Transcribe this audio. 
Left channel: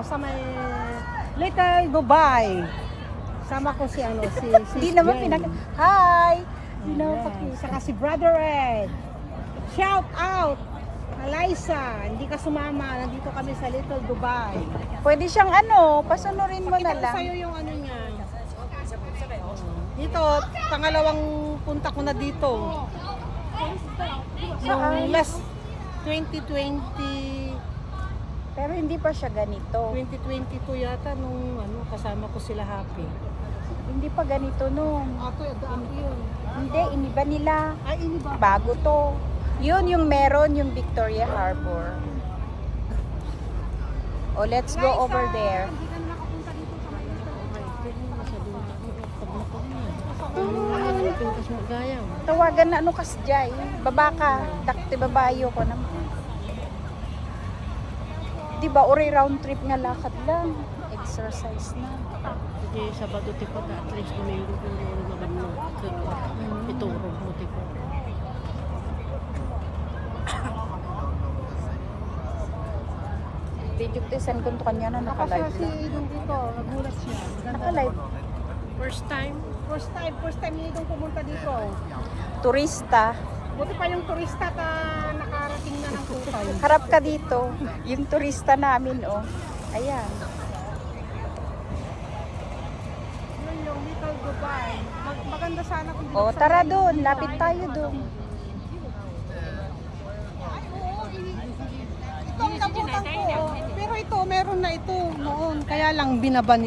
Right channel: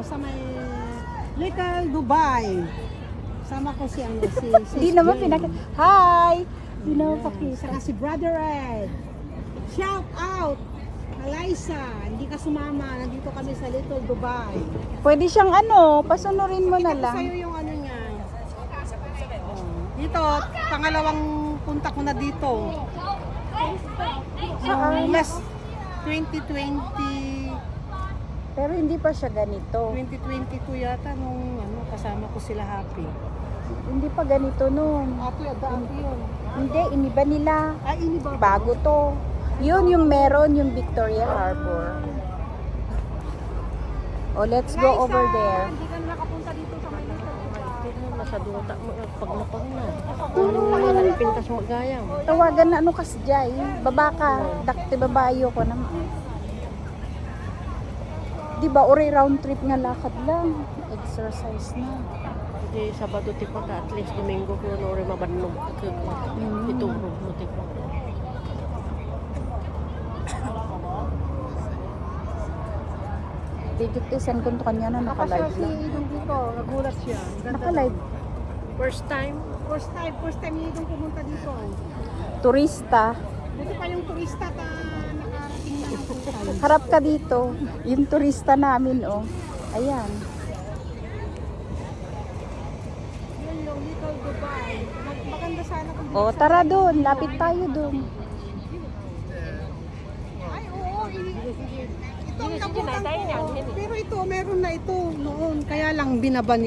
sa may Little Dubai. Sama ko si Hindi naman Jen. Hi! Ayan. Saka si Brother Ed. Shout out! Alaysa, hindi ka sumama. Nandito kami sa Little Dubai. Pwede siyang pasanurin mo Pakita na ko lang. sa'yo yung niya. Oh. Dito, pangalawang punta ko na dito. Nung last 2020, Pero hindi pa siya ganito. 2022 yata nung kasama ko sila Happy. Hindi pa ganito nun. Happy, Happy yun. Hindi, iniba nila. Ay, ini ba? Bago to. Yun yung meron, yung Victoria Harbor. Oh, let's go Liza, over there. hindi ka nakapunta dito sa may nasa duta mo pag napag na. Kung pintas magayam. Tawagan na kas Jai. Baba ka. Dakte babayo ka na. Di ba, uri round trip na lakad lang. Exercise na. Jadi Sabado tipo at least Domingo ko uri mabannog kakagod. Iturog mo tipo. Video present kung kanya na nakalive. Dito, nagulat siya. Ganda naman. First time niya itong pumunta dito. Turista. Buti pa yung turista nakarating na ng Dubai. Harap ka dito. Yung turista namin, oh. Ayan. Yun yung Little Dubai. Maganda sana kung Oh, tara doon. Lapit tayo doon. Ay, oo. Ito ang nabutan ko. Pero ito, meron na ito noon. Kaya lang binaban